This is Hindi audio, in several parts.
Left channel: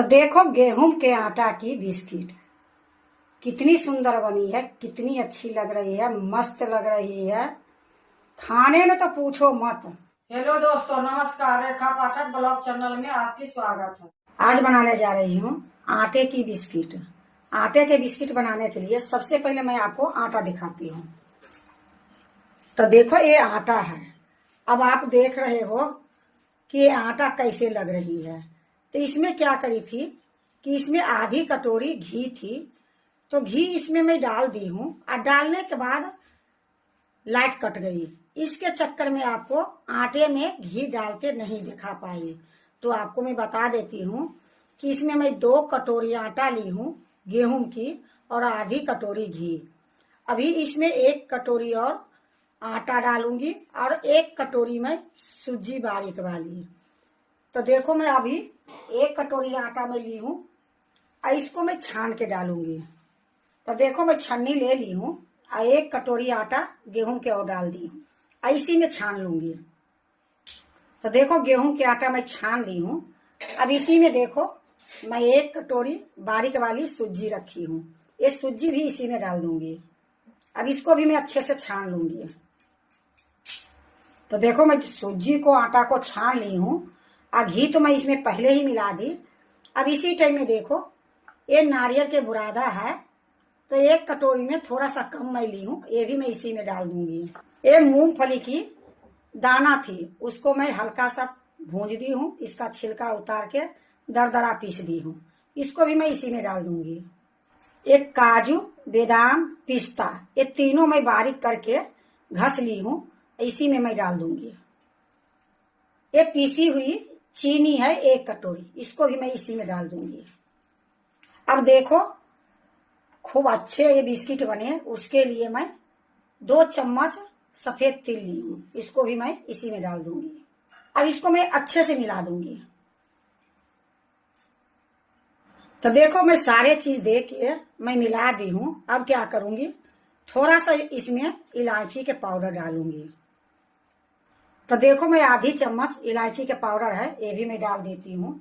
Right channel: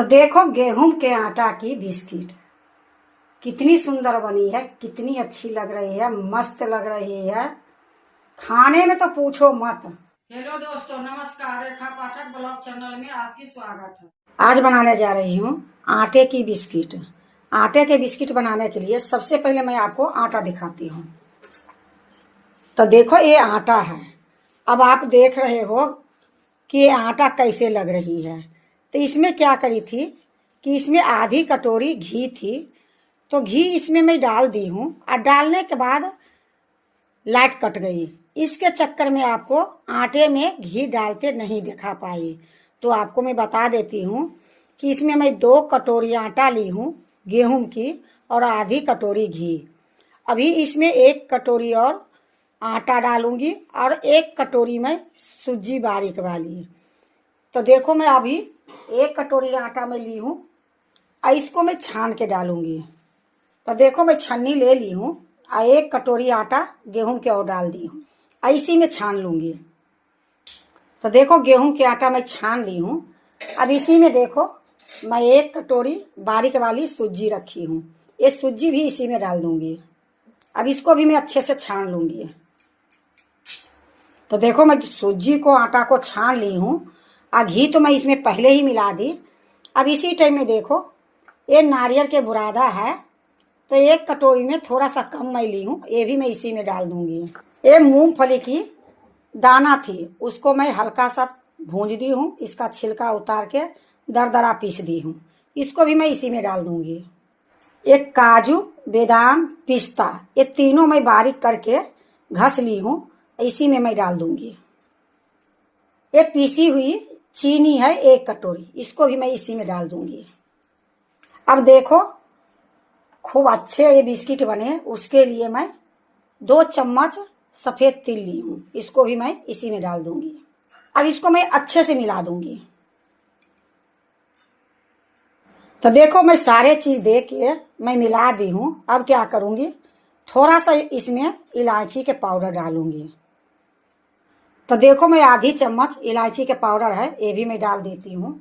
तो देखो गेहूं के आटा की बिस्किट कितनी सुंदर बनी है, कितनी अच्छी लग रही है, मस्त लग रही है। खाने में तो पूछो मत। हेलो दोस्तों, नमस्कार। रेखा पाठक ब्लॉग चैनल में आपकी स्वागत है। आज बनाने जा रही हूँ आटे की बिस्किट। आटे के बिस्किट बनाने के लिए सबसे पहले मैं आपको आटा दिखाती हूँ। तो देखो ये आटा है। अब आप देख रहे हो कि ये आटा कैसे लग रही है। तो इसमें क्या करी थी कि इसमें आधी कटोरी घी थी, तो घी इसमें मैं डाल दी हूँ और डालने के बाद लाइट कट गई। इसके चक्कर में आपको आटे में घी डालते नहीं दिखा पाई। तो आपको मैं बता देती हूँ कि इसमें मैं 2 कटोरी आटा ली हूँ गेहूं की और आधी कटोरी घी। अभी इसमें 1 कटोरी और आटा डालूंगी और 1 कटोरी में सूजी बारीक वाली। तो देखो मैं अभी 1 कटोरी आटा में ली हूँ और इसको मैं छान के डालूंगी। तो देखो मैं छन्नी ले ली हूँ और 1 कटोरी आटा गेहूं के और डाल दी हूँ, इसी में छान लूंगी। तो देखो गेहूं के आटा मैं छान ली हूँ। अब इसी में देखो मैं 1 कटोरी बारीक वाली सूजी रखी हूँ, ये सूजी भी इसी में डाल दूंगी। अब इसको भी मैं अच्छे से छान लूंगी। तो देखो मैं सूजी को आटा को छान ली हूँ और घी तो मैं इसमें पहले ही मिला दी। अब इसी टाइम में देखो ये नारियल के बुरादा है, तो 1 कटोरी में थोड़ा सा कम मैं ली हूँ, ये भी मैं इसी में डाल दूंगी। ये मूंगफली की दाना थी, उसको मैं हल्का सा भूंज दी हूँ, इसका छिलका उतार के दरदरा पीस दी हूँ, इसको भी मैं इसी में डाल दूंगी। एक काजू, बादाम, पिस्ता, ये तीनों मैं बारीक करके घस ली हूँ, इसी में मैं डाल दूंगी। ये पीसी हुई चीनी है 1 कटोरी, इसको भी मैं इसी में डाल दूंगी। अब देखो खूब अच्छे ये बिस्किट बने, उसके लिए मैं 2 चम्मच सफेद तिल ली हूँ, इसको भी मैं इसी में डाल दूंगी। अब इसको मैं अच्छे से मिला दूंगी। तो देखो मैं सारे चीज दे के मैं मिला दी हूँ। अब क्या करूंगी, थोड़ा सा इसमें इलायची के पाउडर डालूंगी। तो देखो मैं आधी चम्मच इलायची के पाउडर है, ये भी मैं डाल देती हूँ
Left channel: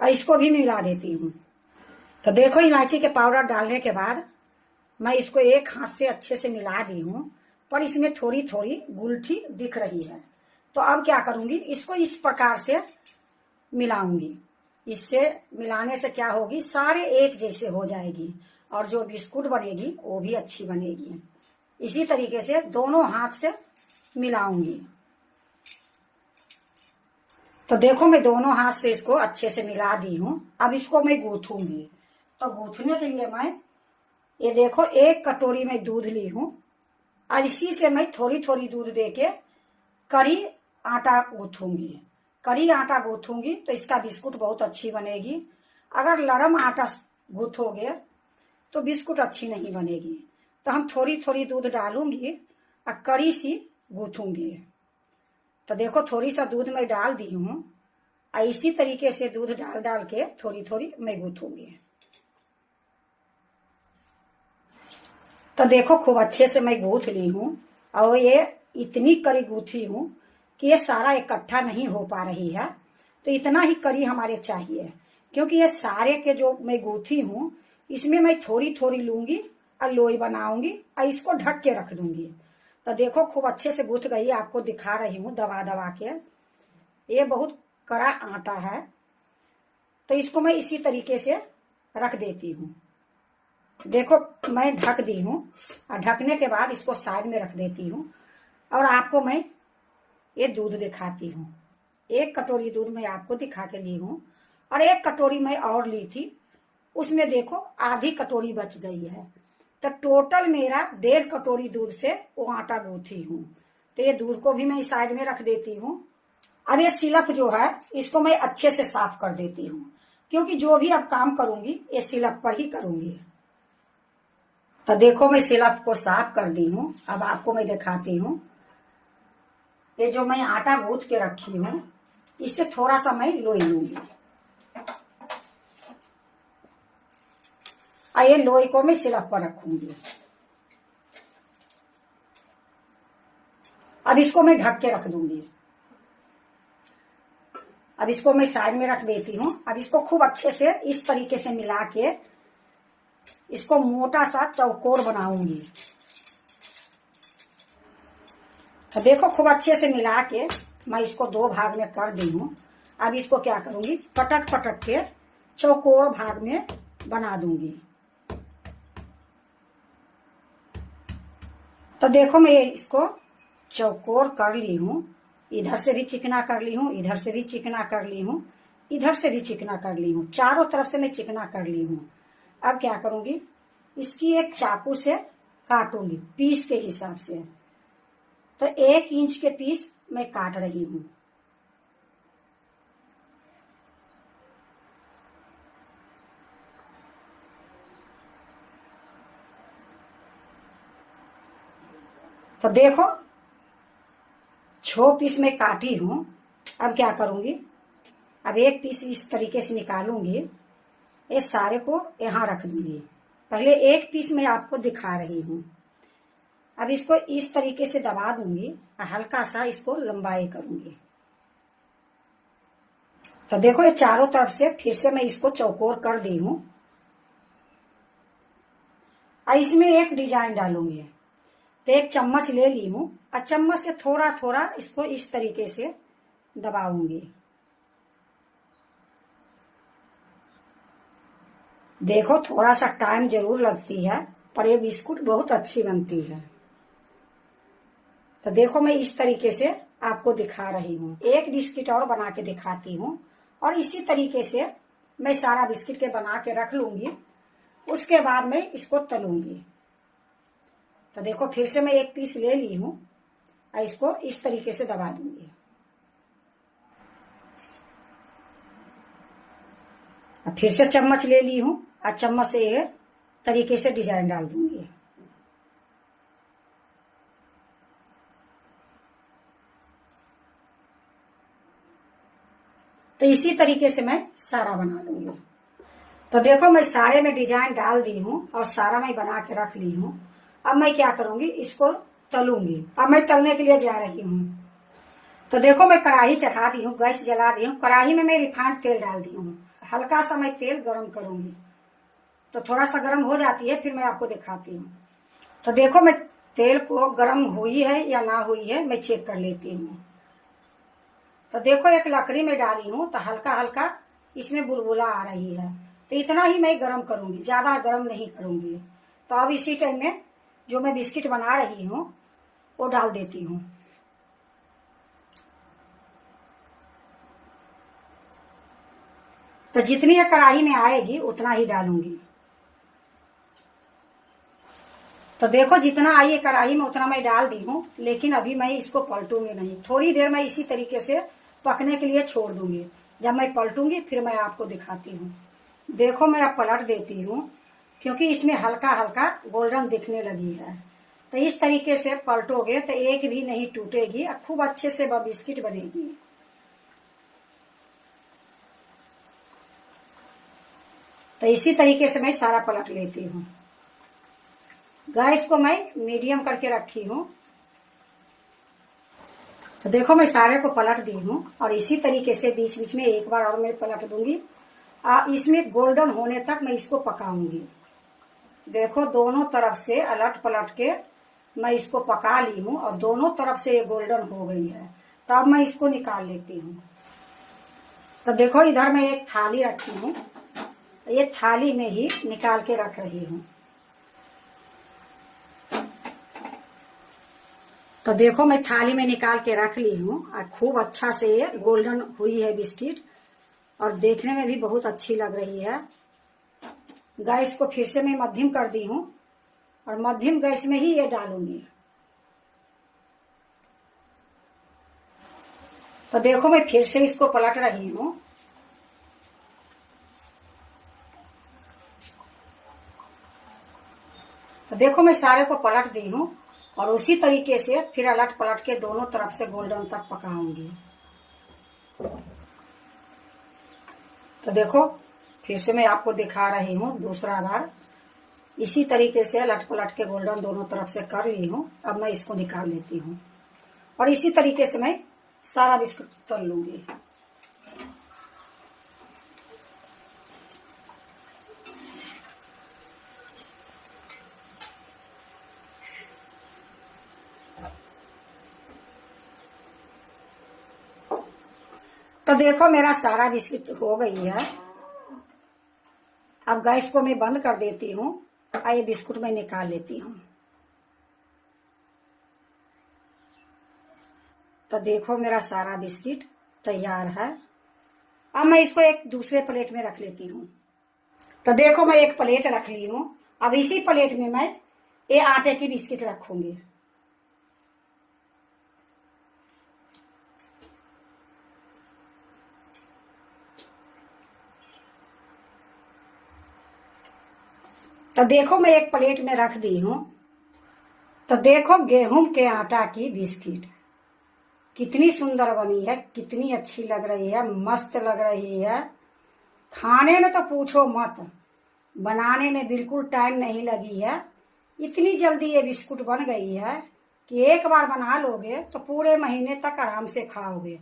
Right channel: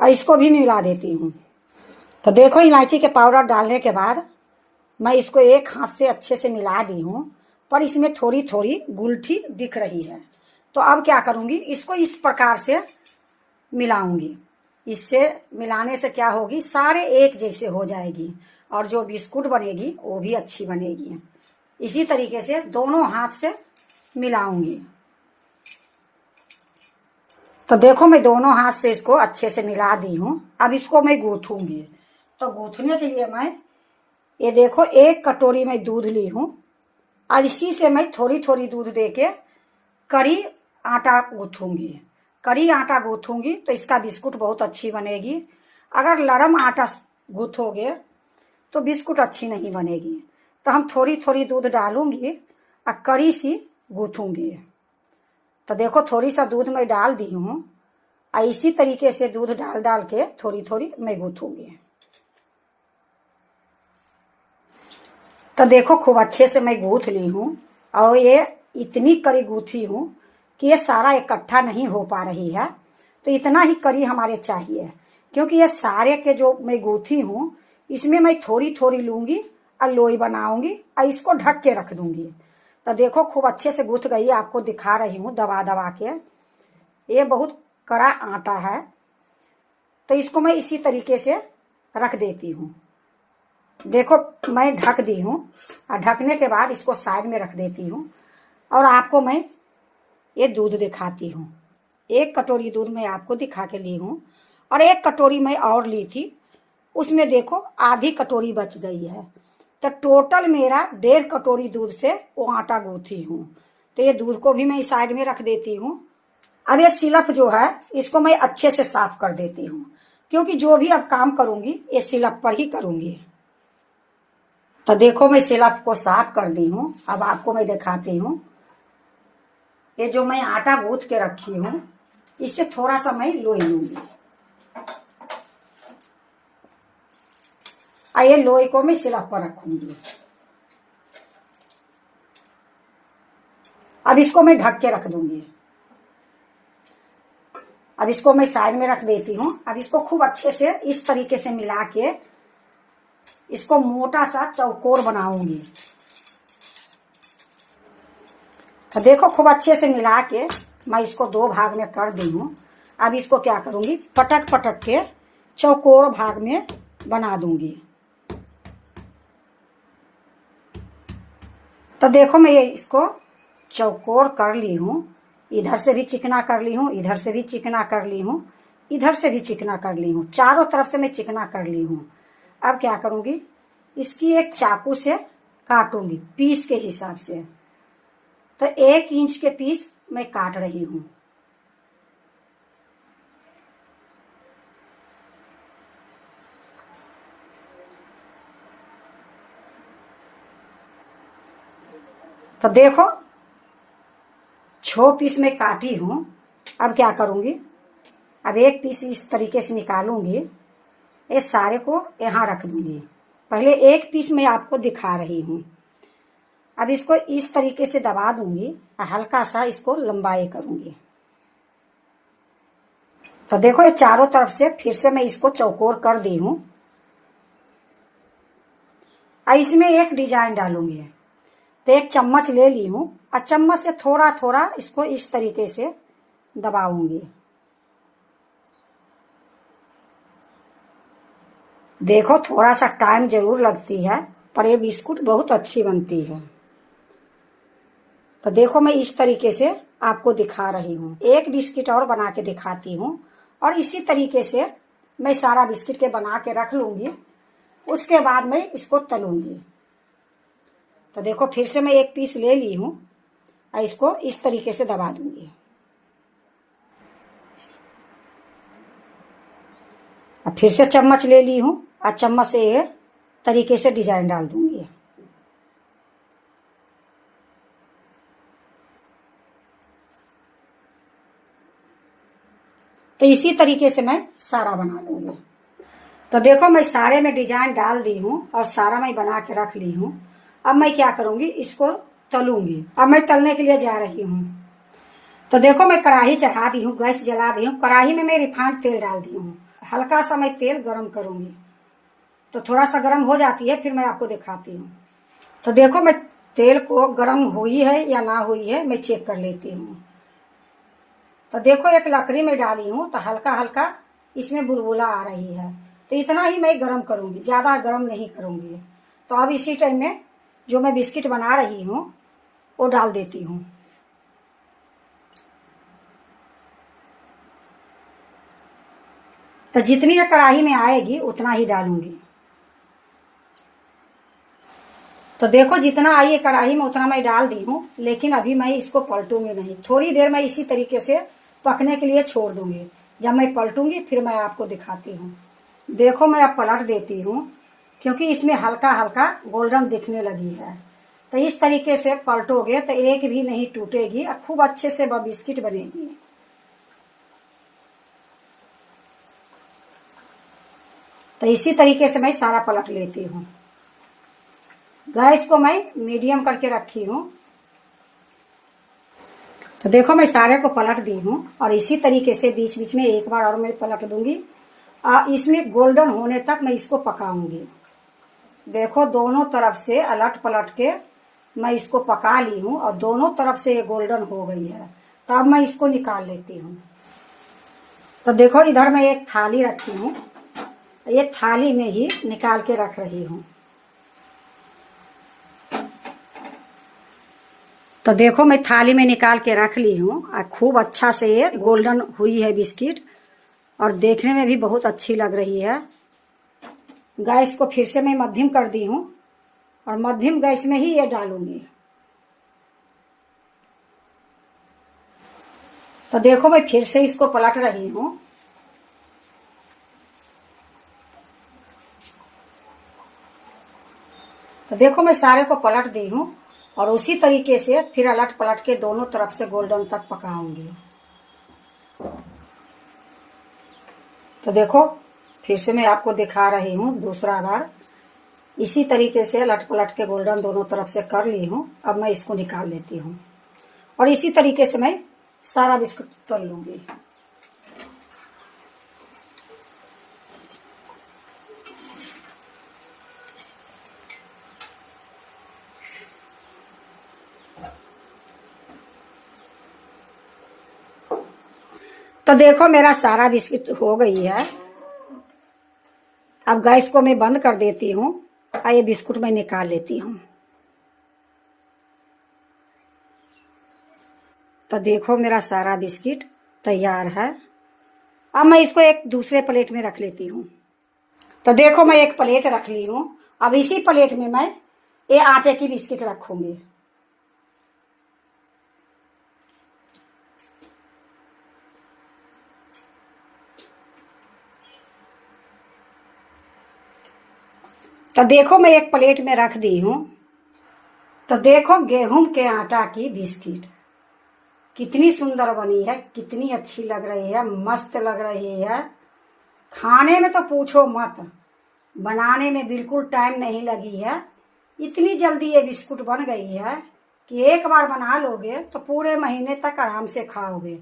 और इसको भी मिला देती हूँ। तो देखो इलायची के पाउडर डालने के बाद मैं इसको एक हाथ से अच्छे से मिला दी हूँ, पर इसमें थोड़ी थोड़ी गुलठी दिख रही है। तो अब क्या करूंगी, इसको इस प्रकार से मिलाऊंगी। इससे मिलाने से क्या होगी, सारे एक जैसे हो जाएगी और जो बिस्कुट बनेगी वो भी अच्छी बनेगी। इसी तरीके से दोनों हाथ से मिलाऊंगी। तो देखो मैं दोनों हाथ से इसको अच्छे से मिला दी हूँ। अब इसको मैं गूंथूंगी। तो गूंथने के लिए मैं ये देखो 1 कटोरी में दूध ली हूँ और इसी से मैं थोड़ी थोड़ी दूध देके कड़ी आटा गूंथूंगी। कड़ी आटा गूंथूंगी तो इसका बिस्कुट बहुत अच्छी बनेगी। अगर लरम आटा गूंथोगे तो बिस्कुट अच्छी नहीं बनेगी। तो हम थोड़ी थोड़ी दूध डालूंगी और कड़ी सी गूंथूंगी। तो देखो थोड़ी सा दूध मैं डाल दी हूँ और इसी तरीके से दूध डाल डाल के थोड़ी थोड़ी मैं गूंथूंगी। तो देखो खूब अच्छे से मैं गूंथ ली हूँ और ये इतनी कड़ी गूंथी हूँ कि ये सारा इकट्ठा नहीं हो पा रही है। तो इतना ही कड़ी हमारे चाहिए, क्योंकि ये सारे के जो मैं गूंथी हूँ इसमें मैं थोड़ी थोड़ी लूंगी और लोई बनाऊंगी और इसको ढक के रख दूंगी। तो देखो खूब अच्छे से गूंथ गई, आपको दिखा रही हूँ दबा दबा के। ये बहुत कड़ा आटा है, तो इसको मैं इसी तरीके से रख देती हूँ। देखो मैं ढक दी हूँ और ढकने के बाद इसको साइड में रख देती हूँ और आपको मैं ये दूध दिखाती हूँ। 1 कटोरी दूध मैं आपको दिखा के ली हूँ और 1 कटोरी मैं और ली थी, उसमें देखो आधी कटोरी बच गई है। तो टोटल मेरा 1.5 कटोरी दूध से वो आटा गूंथी हूँ। तो ये दूध को भी मैं इस साइड में रख देती हूँ। अब ये सिलप जो है इसको मैं अच्छे से साफ कर देती हूँ, क्योंकि जो भी अब काम करूंगी ये सिलप पर ही करूंगी। तो देखो मैं सिलप को साफ कर दी हूँ। अब आपको मैं दिखाती हूँ। ये जो मैं आटा गूंथ के रखी हूँ इससे थोड़ा सा मैं लोई लूंगी और ये लोई को मैं सिलप पर रखूंगी। अब इसको मैं ढक के रख दूंगी। अब इसको मैं साइड में रख देती हूँ। अब इसको खूब अच्छे से इस तरीके से मिला के इसको मोटा सा चौकोर बनाऊंगी। तो देखो खूब अच्छे से मिला के मैं इसको 2 भाग में कर दी हूँ। अब इसको क्या करूंगी, पटक पटक के चौकोर भाग में बना दूंगी। तो देखो मैं ये इसको चौकोर कर ली हूँ। इधर से भी चिकना कर ली हूँ, इधर से भी चिकना कर ली हूँ, इधर से भी चिकना कर ली हूँ, चारों तरफ से मैं चिकना कर ली हूँ। अब क्या करूंगी, इसकी एक चाकू से काटूंगी पीस के हिसाब से। तो 1 इंच के पीस मैं काट रही हूँ। तो देखो 6 पीस में काटी हूं। अब क्या करूंगी, अब 1 पीस इस तरीके से निकालूंगी, ये सारे को यहां रख दूंगी। पहले 1 पीस मैं आपको दिखा रही हूं। अब इसको इस तरीके से दबा दूंगी और हल्का सा इसको लंबाई करूंगी। तो देखो ये चारों तरफ से फिर से मैं इसको चौकोर कर दी हूं। और इसमें एक डिजाइन डालूंगी। तो 1 चम्मच ले ली हूं और चम्मच से थोड़ा थोड़ा इसको इस तरीके से दबाऊंगी। देखो थोड़ा सा टाइम जरूर लगती है, पर ये बिस्कुट बहुत अच्छी बनती है। तो देखो मैं इस तरीके से आपको दिखा रही हूँ। एक बिस्किट और बना के दिखाती हूँ और इसी तरीके से मैं सारा बिस्किट के बना के रख लूंगी। उसके बाद मैं इसको तलूंगी। तो देखो फिर से मैं 1 पीस ले ली हूँ और इसको इस तरीके से दबा दूंगी। अब फिर से चम्मच ले ली हूँ और चम्मच से ये तरीके से डिजाइन डाल दूंगी। तो इसी तरीके से मैं सारा बना लूंगी। तो देखो मैं सारे में डिजाइन डाल दी हूँ और सारा मैं बना के रख ली हूँ। अब मैं क्या करूंगी, इसको तलूंगी। अब मैं तलने के लिए जा रही हूँ। तो देखो मैं कढ़ाई चढ़ा दी हूँ, गैस जला दी हूँ। कढ़ाई में मैं रिफाइंड तेल डाल दी हूँ। हल्का सा मैं तेल गरम करूंगी। तो थोड़ा सा गरम हो जाती है फिर मैं आपको दिखाती हूँ। तो देखो मैं तेल को गरम हुई है या ना हुई है मैं चेक कर लेती हूँ। तो देखो एक लकड़ी में डाली हूँ तो हल्का हल्का इसमें बुलबुला आ रही है। तो इतना ही मैं गरम करूंगी, ज्यादा गरम नहीं करूंगी। तो अब इसी टाइम में जो मैं बिस्किट बना रही हूँ वो डाल देती हूँ। तो जितनी ये कढ़ाई में आएगी उतना ही डालूंगी। तो देखो जितना आई है कढ़ाई में उतना मैं डाल दी हूँ, लेकिन अभी मैं इसको पलटूंगी नहीं। थोड़ी देर मैं इसी तरीके से पकने के लिए छोड़ दूंगी। जब मैं पलटूंगी फिर मैं आपको दिखाती हूँ। देखो मैं अब पलट देती हूँ क्योंकि इसमें हल्का हल्का गोल्डन दिखने लगी है। तो इस तरीके से पलटोगे तो एक भी नहीं टूटेगी और खूब अच्छे से वह बिस्किट बनेगी। तो इसी तरीके से मैं सारा पलट लेती हूँ। गैस को मैं मीडियम करके रखी हूँ। तो देखो मैं सारे को पलट दी हूँ और इसी तरीके से बीच बीच में एक बार और मैं पलट दूंगी। इसमें गोल्डन होने तक मैं इसको पकाऊंगी। देखो दोनों तरफ से अलट पलट के मैं इसको पका ली हूँ और दोनों तरफ से ये गोल्डन हो गई है। तब मैं इसको निकाल लेती हूँ। तो देखो इधर मैं एक थाली रखी हूँ, ये थाली में ही निकाल के रख रही हूँ। तो देखो मैं थाली में निकाल के रख ली हूँ और खूब अच्छा से ये गोल्डन हुई है बिस्किट और देखने में भी बहुत अच्छी लग रही है। गैस को फिर से मैं मध्यम कर दी हूँ और मध्यम गैस में ही ये डालूंगी। तो देखो मैं फिर से इसको पलट रही हूँ। तो देखो मैं सारे को पलट दी हूँ और उसी तरीके से फिर अलट पलट के दोनों तरफ से गोल्डन तक पकाऊंगी। तो देखो फिर से मैं आपको दिखा रही हूँ दूसरा बार। इसी तरीके से अलट पलट के गोल्डन दोनों तरफ से कर ली हूँ। अब मैं इसको निकाल लेती हूँ और इसी तरीके से मैं सारा बिस्कुट तल लूंगी। तो देखो मेरा सारा बिस्किट हो गई है। अब गैस को मैं बंद कर देती हूँ और ये बिस्कुट मैं निकाल लेती हूँ। तो देखो मेरा सारा बिस्किट तैयार है। अब मैं इसको एक दूसरे प्लेट में रख लेती हूँ। तो देखो मैं एक प्लेट रख ली हूँ। अब इसी प्लेट में मैं ये आटे की बिस्किट रखूंगी। तो देखो मैं एक प्लेट में रख दी हूँ। तो देखो गेहूं के आटा की बिस्किट कितनी सुंदर बनी है, कितनी अच्छी लग रही है, मस्त लग रही है। खाने में तो पूछो मत, बनाने में बिल्कुल टाइम नहीं लगी है। इतनी जल्दी ये बिस्कुट बन गई है कि एक बार बना लोगे तो पूरे महीने तक आराम से खाओगे।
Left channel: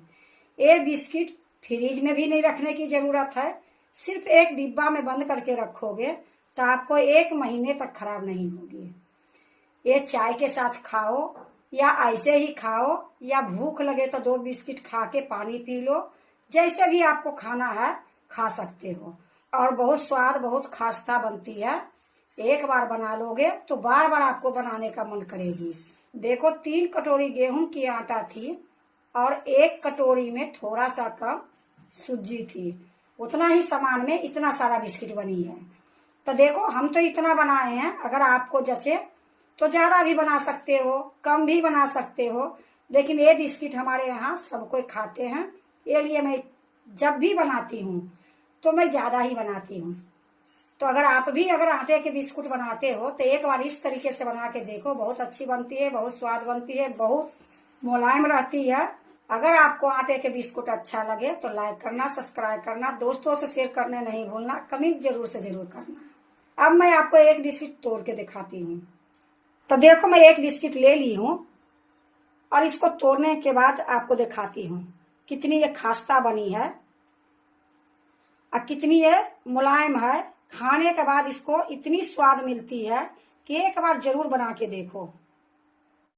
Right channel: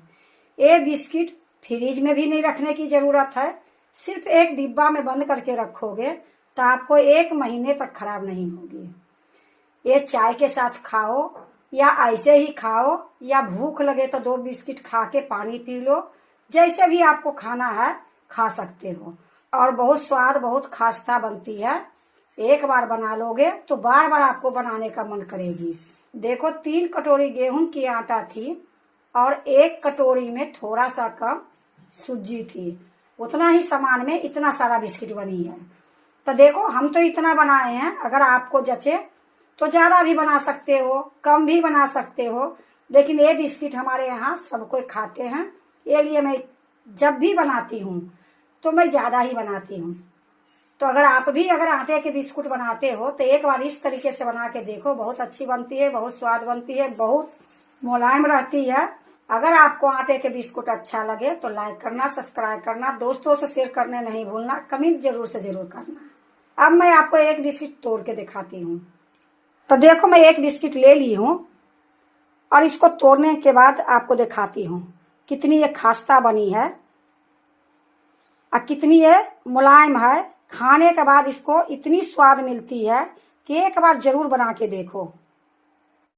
ये बिस्किट फ्रिज में भी नहीं रखने की जरूरत है, सिर्फ एक डिब्बा में बंद करके रखोगे तो आपको एक महीने तक खराब नहीं होगी। ये चाय के साथ खाओ या ऐसे ही खाओ, या भूख लगे तो 2 बिस्किट खा के पानी पी लो। जैसे भी आपको खाना है खा सकते हो, और बहुत स्वाद, बहुत खास्ता बनती है। एक बार बना लोगे तो बार बार आपको बनाने का मन करेगी। देखो 3 कटोरी गेहूं की आटा थी और 1 कटोरी में थोड़ा सा कम सूजी थी। उतना ही सामान में इतना सारा बिस्किट बनी है। तो देखो हम तो इतना बनाए हैं, अगर आपको जचे तो ज्यादा भी बना सकते हो, कम भी बना सकते हो, लेकिन ये बिस्किट हमारे यहाँ सब कोई खाते हैं। ये लिए मैं जब भी बनाती हूँ तो मैं ज्यादा ही बनाती हूँ। तो अगर आप भी अगर आटे के बिस्कुट बनाते हो तो एक बार इस तरीके से बना के देखो, बहुत अच्छी बनती है, बहुत स्वाद बनती है, बहुत मुलायम रहती है। अगर आपको आटे के बिस्कुट अच्छा लगे तो लाइक करना, सब्सक्राइब करना, दोस्तों से शेयर करने नहीं भूलना, कमेंट जरूर से जरूर करना। अब मैं आपको एक बिस्किट तोड़ के दिखाती हूँ। तो देखो मैं एक बिस्किट ले ली हूँ और इसको तोड़ने के बाद आपको दिखाती हूँ कितनी ये खास्ता बनी है और कितनी ये मुलायम है। खाने के बाद इसको इतनी स्वाद मिलती है कि एक बार जरूर बना के देखो।